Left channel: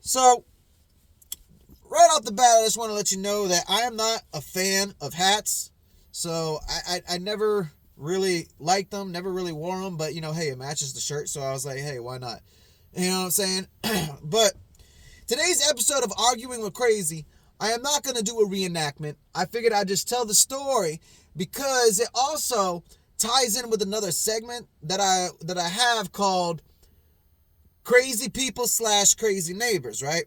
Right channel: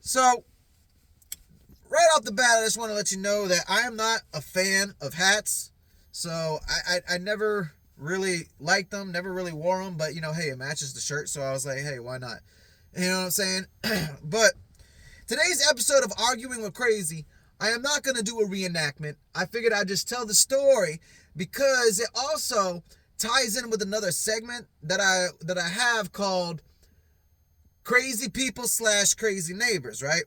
So, right off the bat, I just want to let you know that I am not a fan of hats. So, I never really liked them, never really wore them, but hey, it matches the shirt. So, I was like, hey, why not? You know what I'm saying? But today's episode of Arguing with Crazy, I am not going to do a reenactment. I figured I'd just tell the story because it also ties in with another segment that I have called Crazy People / Crazy Neighbors, right?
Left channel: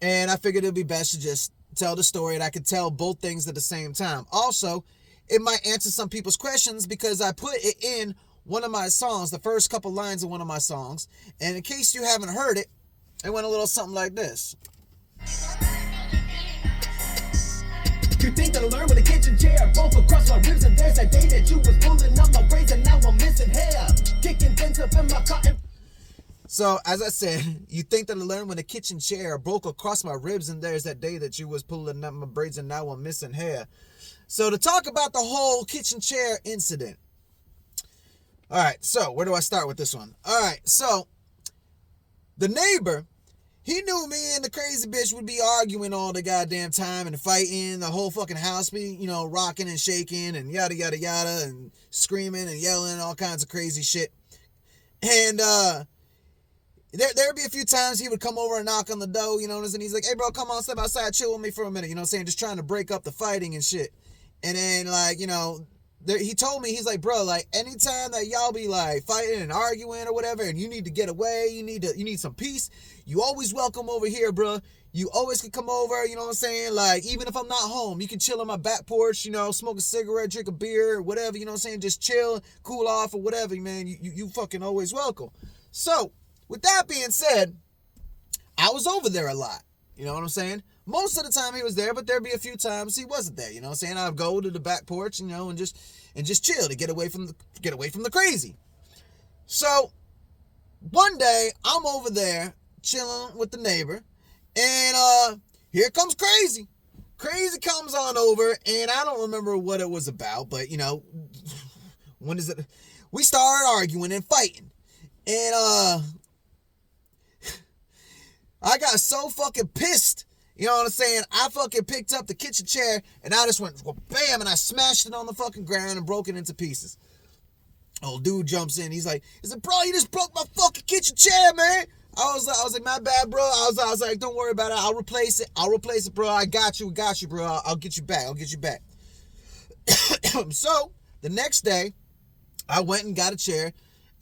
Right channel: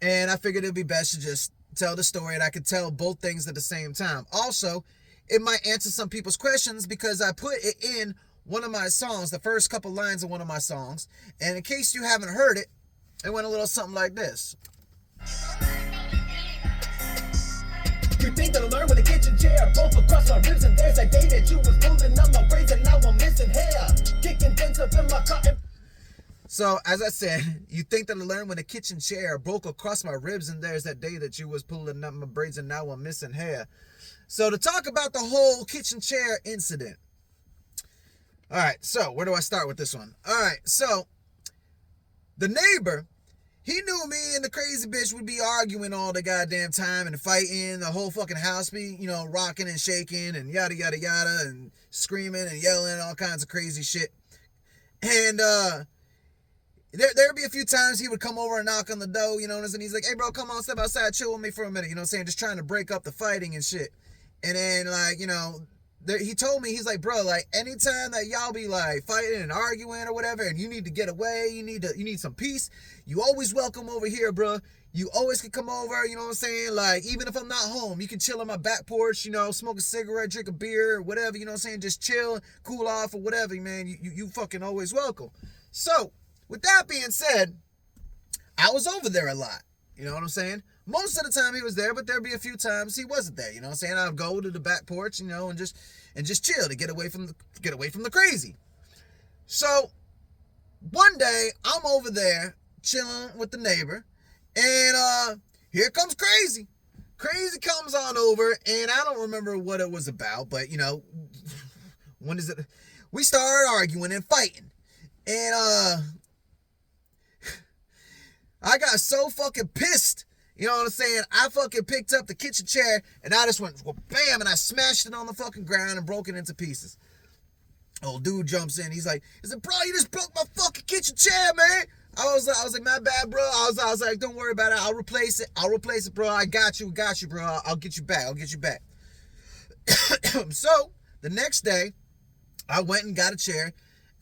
And I figured it'd be best to just tell the story and I could tell both things at the same time. Also, it might answer some people's questions because I put it in one of my songs, the first couple lines of one of my songs. And in case you haven't heard it, it went a little something like this. You think that I learned with a kitchen chair, both across my ribs, and there's that day that you was pulling up my braids and now I'm missing hair, kicking dents up in my cotton. So, as I said, you think that I learned when a kitchen chair broke across my ribs, and there's that day that you was pulling up my braids and now I'm missing hair. So, to talk about the whole kitchen chair incident. Alright, so where do I start with this one? Alright, so the neighbor, he knew me and the crazy bitch would be arguing all the goddamn time and fighting, the whole fucking house be, rocking and shaking and yada yada yada and screaming and yelling and all kinds of crazy shit. And there'd be a few times he would come over and knock on the door, and he's like, hey bro, come on, step outside, chill with me for a minute, just trying to break up the fighting and shit. And then he told me, he's like, bro, like anytime that y'all be like fighting and arguing or whatever, and you need to get away, you need some peace, you always welcome over here, bro. You always can come over, you know what I'm saying? Like, even if I'm not home, you can chill on my back porch, smoke a cigarette, drink a beer, whatever, you know what I'm saying? Just chill, cool off or whatever, man. You fucking always welcome. So, with that being said, I was over there a lot, you know what I'm saying? Most of the time he was there, but there'd be a few times he wasn't there, you know what I'm saying? I'd go to the back porch, and just chill to get away from the crazy. So one day I'm over there chilling with the neighbor, and here comes Crazy. Crazy comes on over, and I don't remember what it was about, but when is it? We started arguing and fighting, and I got so fucking pissed. You know what I'm saying? I fucking picked up the kitchen chair and I just went bam, and I smashed it on the fucking ground and broke it into pieces. Old dude jumps in. He's like, bro, you just broke my fucking kitchen chair, man. I was like, my bad, bro. I was like, don't worry about it. I'll replace it, bro. I got you, bro. I'll get you back. So the next day, I went and got a chair.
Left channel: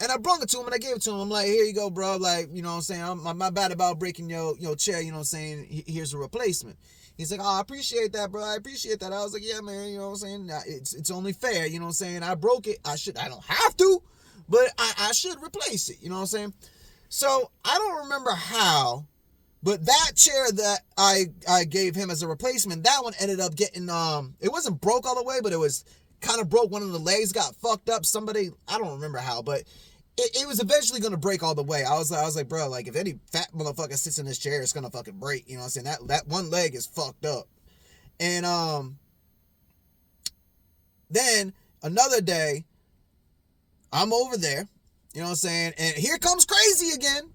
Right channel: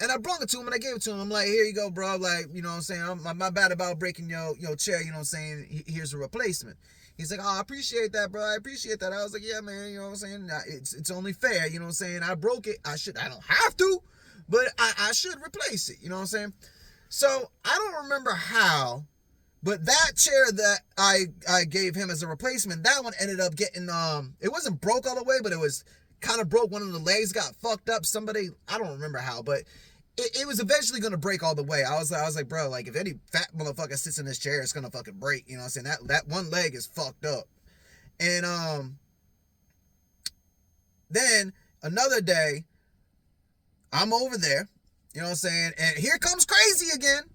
And I brought it to him and I gave it to him. I'm like, here you go, bro. Like, you know what I'm saying? I'm not bad about breaking your chair, you know what I'm saying? Here's a replacement. He's like, oh, I appreciate that, bro. I appreciate that. I was like, yeah, man, you know what I'm saying? It's only fair, you know what I'm saying? I broke it. I don't have to, but I should replace it, you know what I'm saying? So I don't remember how, but that chair that I gave him as a replacement, that one ended up getting, it wasn't broke all the way, but it was kind of broke. One of the legs got fucked up. Somebody, I don't remember how, but it was eventually going to break all the way. I was like, bro, like, if any fat motherfucker sits in this chair, it's going to fucking break. You know what I'm saying? That one leg is fucked up. And then another day, I'm over there. You know what I'm saying? And here comes Crazy again.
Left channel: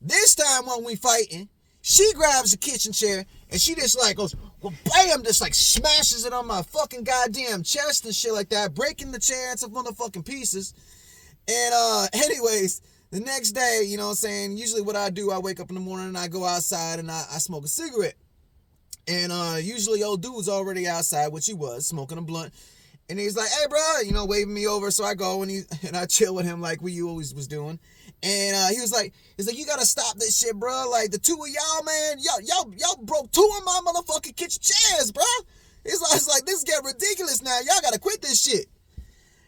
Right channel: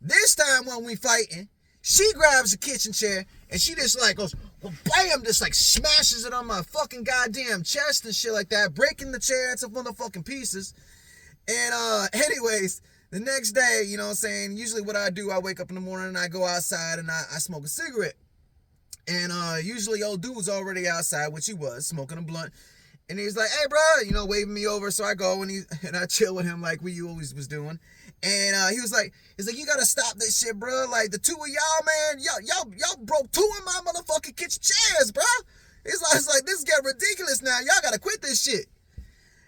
This time when we fighting, she grabs a kitchen chair and she just like goes, well, bam, just like smashes it on my fucking goddamn chest and shit like that, breaking the chair into motherfucking pieces. And anyways, the next day, you know what I'm saying, usually what I do, I wake up in the morning and I go outside and I smoke a cigarette. And usually old dude's already outside, which he was, smoking a blunt. And he's like, hey, bro, waving me over. So I go and I chill with him like we always was doing. And he's like, you gotta stop this shit, bro. Like, the two of y'all, man, y'all broke two of my motherfucking kitchen chairs, bro. It's like this get ridiculous now. Y'all gotta quit this shit.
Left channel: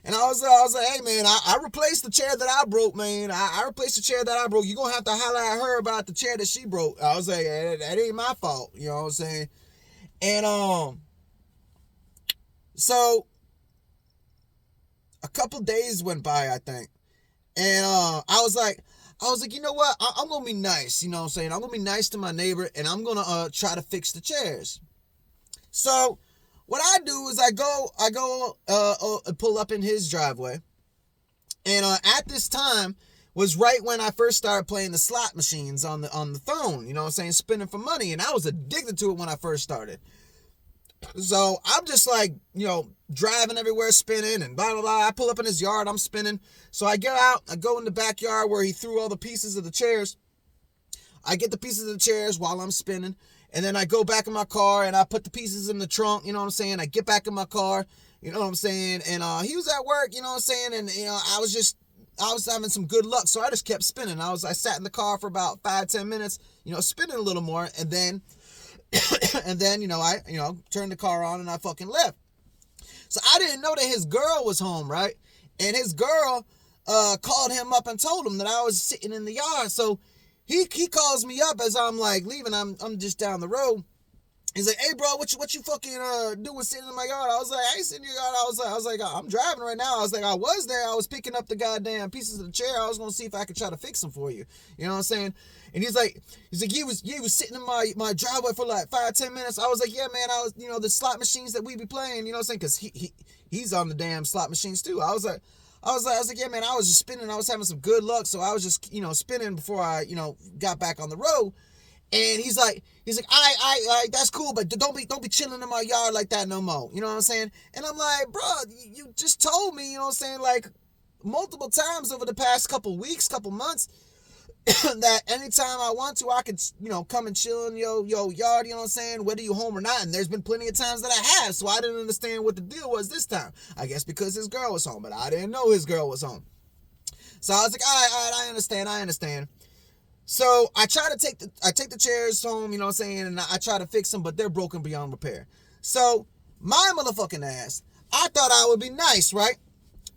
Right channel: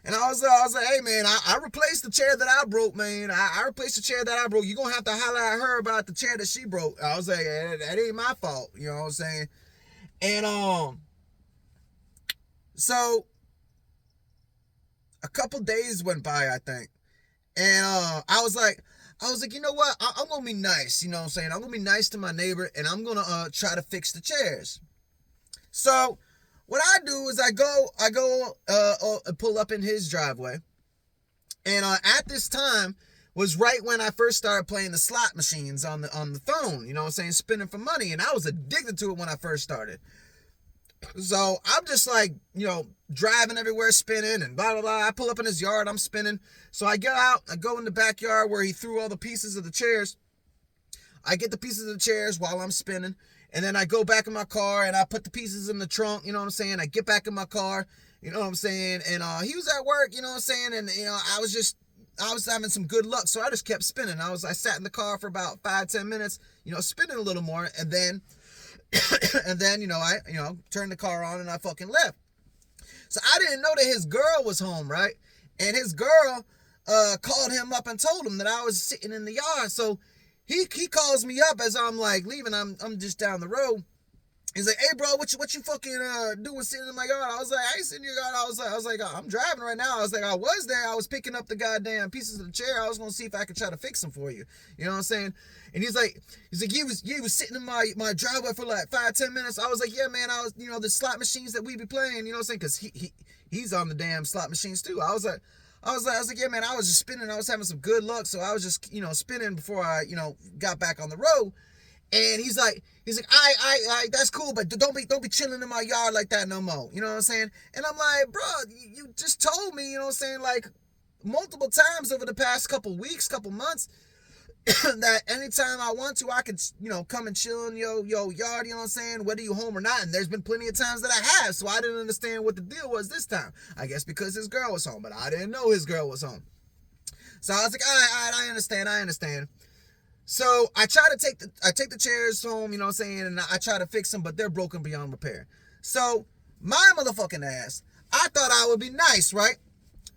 And I was like, hey, man, I replaced the chair that I broke, man. I replaced the chair that I broke. You're going to have to holler at her about the chair that she broke. I was like, that ain't my fault. You know what I'm saying? And, so a couple days went by, I think. And, I was like, you know what? I'm going to be nice. You know what I'm saying? I'm going to be nice to my neighbor and I'm going to, try to fix the chairs. So what I do is I go pull up in his driveway. And at this time, was right when I first started playing the slot machines on the phone, you know what I'm saying, spinning for money, and I was addicted to it when I first started. So I'm just like, you know, driving everywhere, spinning and blah, blah, blah. I pull up in his yard, I'm spinning. So I get out, I go in the backyard where he threw all the pieces of the chairs. I get the pieces of the chairs while I'm spinning. And then I go back in my car and I put the pieces in the trunk, you know what I'm saying? I get back in my car, you know what I'm saying? And he was at work, you know what I'm saying? And, you know, I was having some good luck. So I just kept spinning. I sat in the car for about 5-10 minutes, you know, spinning a little more. And then, you know, I turned the car on and I fucking left. So I didn't know that his girl was home, right? And his girl called him up and told him that I was sitting in the yard. So he calls me up as I'm like leaving. I'm just down the road. He's like, "Hey, bro, what you fucking doing sitting in my yard?" I was like, "I ain't sitting in your yard." I was like, "I'm driving right now." I was like, "I was there. I was picking up the goddamn pieces of the chair. I was gonna see if I could try to fix them for you." You know what I'm saying? And he's like, "You was sitting in my driveway for like 5-10 minutes." I was like, "Yeah, man. I was, you know, the slot machines that we be playing. You know what I'm saying? Because he's on the damn slot machines too." I was like, "Yeah, man. I was just spinning. I was having some good luck, so I was just, you know, spinning before I, you know, got back on the road." And he's like, I, that's cool, but don't be chilling in my yard like that no more. You know what I'm saying? And I'm like, bro, you just told me, you know what I'm saying, like multiple times over the past couple weeks, couple months, that anytime I want to, I could, you know, come and chill in your yard, you know what I'm saying, whether you home or not. And there's been plenty of times that I have, so I didn't understand what the deal was this time. I guess because his girl was home, but I didn't know his girl was home. So I was like, all right, I understand. So I take the chairs home, you know what I'm saying, and I try to fix them, but they're broken beyond repair. So my motherfucking ass, I thought I would be nice, right?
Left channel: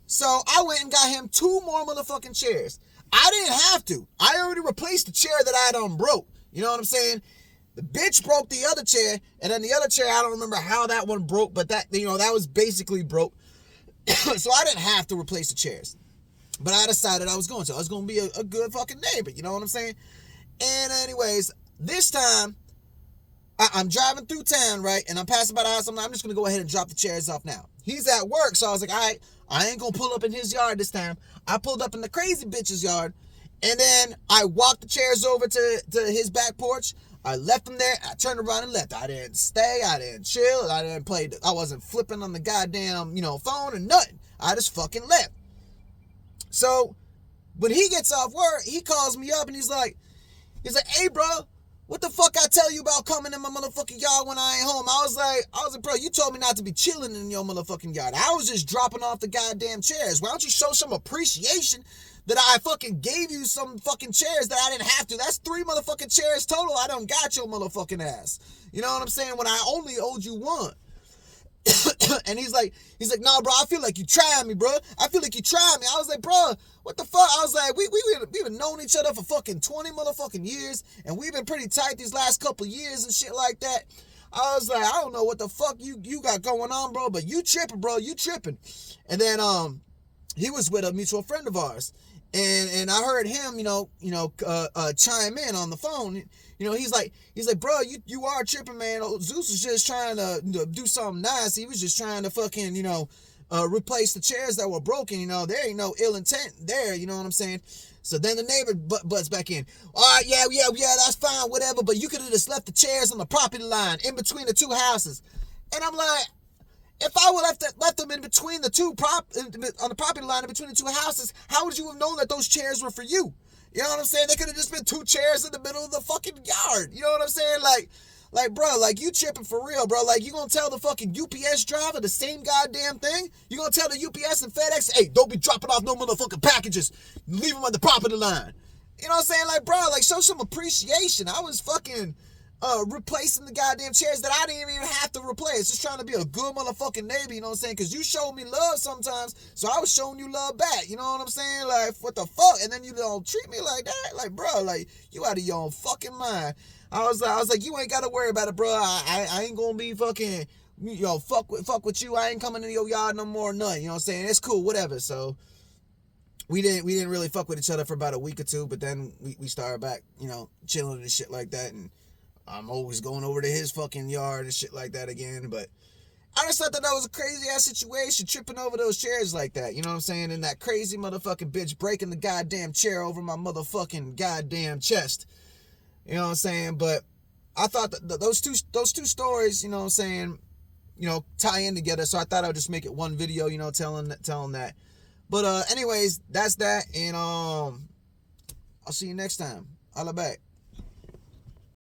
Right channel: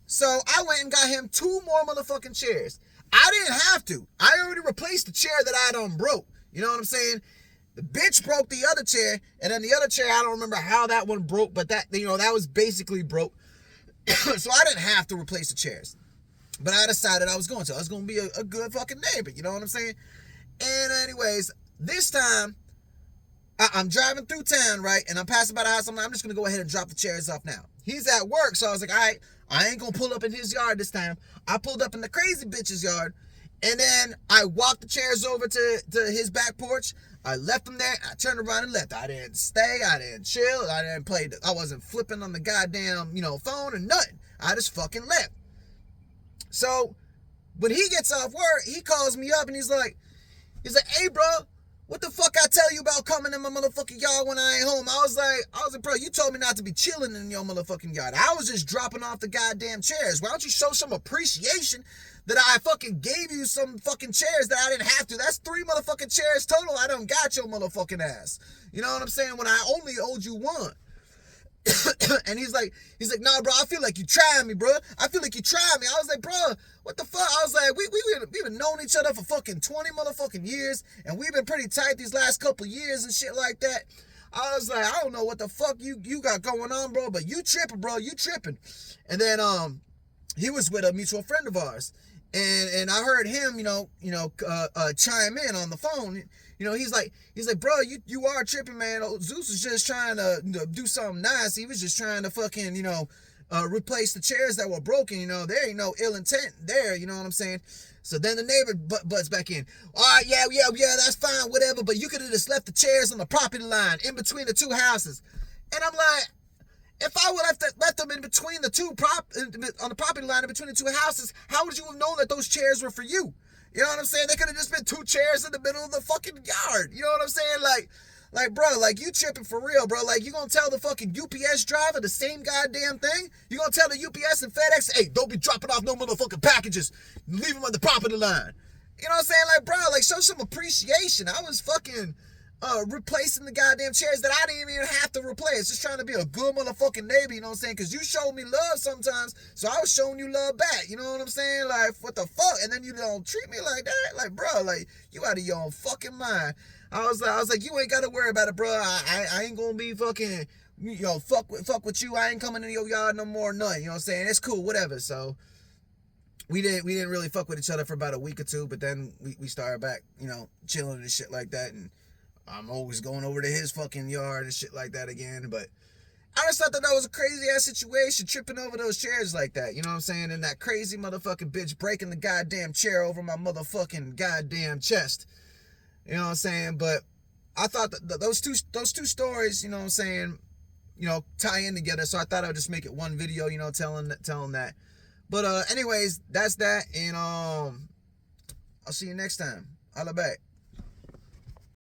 So I went and got him 2 more motherfucking chairs. I didn't have to. I already replaced the chair that I done broke. You know what I'm saying? The bitch broke the other chair, and then the other chair, I don't remember how that one broke, but that, you know, that was basically broke. So I didn't have to replace the chairs. But I decided I was going to. I was going to be a good fucking neighbor, you know what I'm saying? And anyways, this time, I'm driving through town, right? And I'm passing by the house. I'm just going to go ahead and drop the chairs off now. He's at work, so I was like, all right, I ain't going to pull up in his yard this time. I pulled up in the crazy bitch's yard, and then I walked the chairs over to his back porch. I left them there. I turned around and left. I didn't stay. I didn't chill. I didn't play. I wasn't flipping on the goddamn, you know, phone or nothing. I just fucking left. So when he gets off work, he calls me up and he's like, "Hey, bro, what the fuck I tell you about coming in my motherfucking yard when I ain't home?" I was like, "Bro, you told me not to be chilling in your motherfucking yard. I was just dropping off the goddamn chairs. Why don't you show some appreciation that I fucking gave you some fucking chairs that I didn't have to? That's 3 motherfucking chairs total. I done got your motherfucking ass. You know what I'm saying? When I only owed you 1. And he's like, "Nah, bro, I feel like you trying me, bro. I feel like you trying me." I was like, "Bro, what the fuck?" I was like, we've been knowing each other for fucking 20 motherfucking years, and we've been pretty tight these last couple years and shit like that. I was like, I don't know what the fuck you got going on, bro, but you tripping, bro. You tripping. And then he was with a mutual friend of ours, and I heard him, chime in on the phone. You know, he's like, "Bro, you are tripping, man. Zeus was just trying to do something nice. He was just trying to fucking, replace the chairs that were broken. You know, there ain't no ill intent there. You know what I'm saying?" So then the neighbor butts back in. "All right, yeah, that's fine, whatever. But you could have just left the chairs on the property line in between the 2 houses." And I'm like, if I would have left them in between on the property line in between the 2 houses, how would you have known that those chairs were for you? You know what I'm saying? They could have just been 2 chairs in the middle of the fucking yard. You know what I'm saying? Like, bro, like, you tripping for real, bro. Like, you gonna tell the fucking UPS driver the same goddamn thing? You gonna tell the UPS and FedEx, "Hey, don't be dropping off no motherfucking packages. Leave them on the property line." You know what I'm saying? Like, bro, like, show some appreciation. I was fucking replacing the goddamn chairs that I didn't even have to replace. Just trying to be a good motherfucking neighbor, you know what I'm saying? Because you showed me love sometimes, so I was showing you love back, you know what I'm saying? Like, what the fuck? And then you don't treat me like that? Like, bro, like, you out of your own fucking mind. I was like, you ain't got to worry about it, bro. I ain't gonna be fucking, fuck with you. I ain't coming in your yard no more, nothing, you know what I'm saying? It's cool, whatever. So we didn't really fuck with each other for about a week or 2, but then we started back, chilling and shit like that, and I'm always going over to his fucking yard and shit like that again. But I just thought that was a crazy ass situation, tripping over those chairs like that. You know what I'm saying? And that crazy motherfucking bitch breaking the goddamn chair over my motherfucking goddamn chest. You know what I'm saying? But I thought that those two stories, you know what I'm saying, you know, tie in together. So I thought I would just make it one video, you know, telling that. But anyways, that's that. And I'll see you next time. Holla back.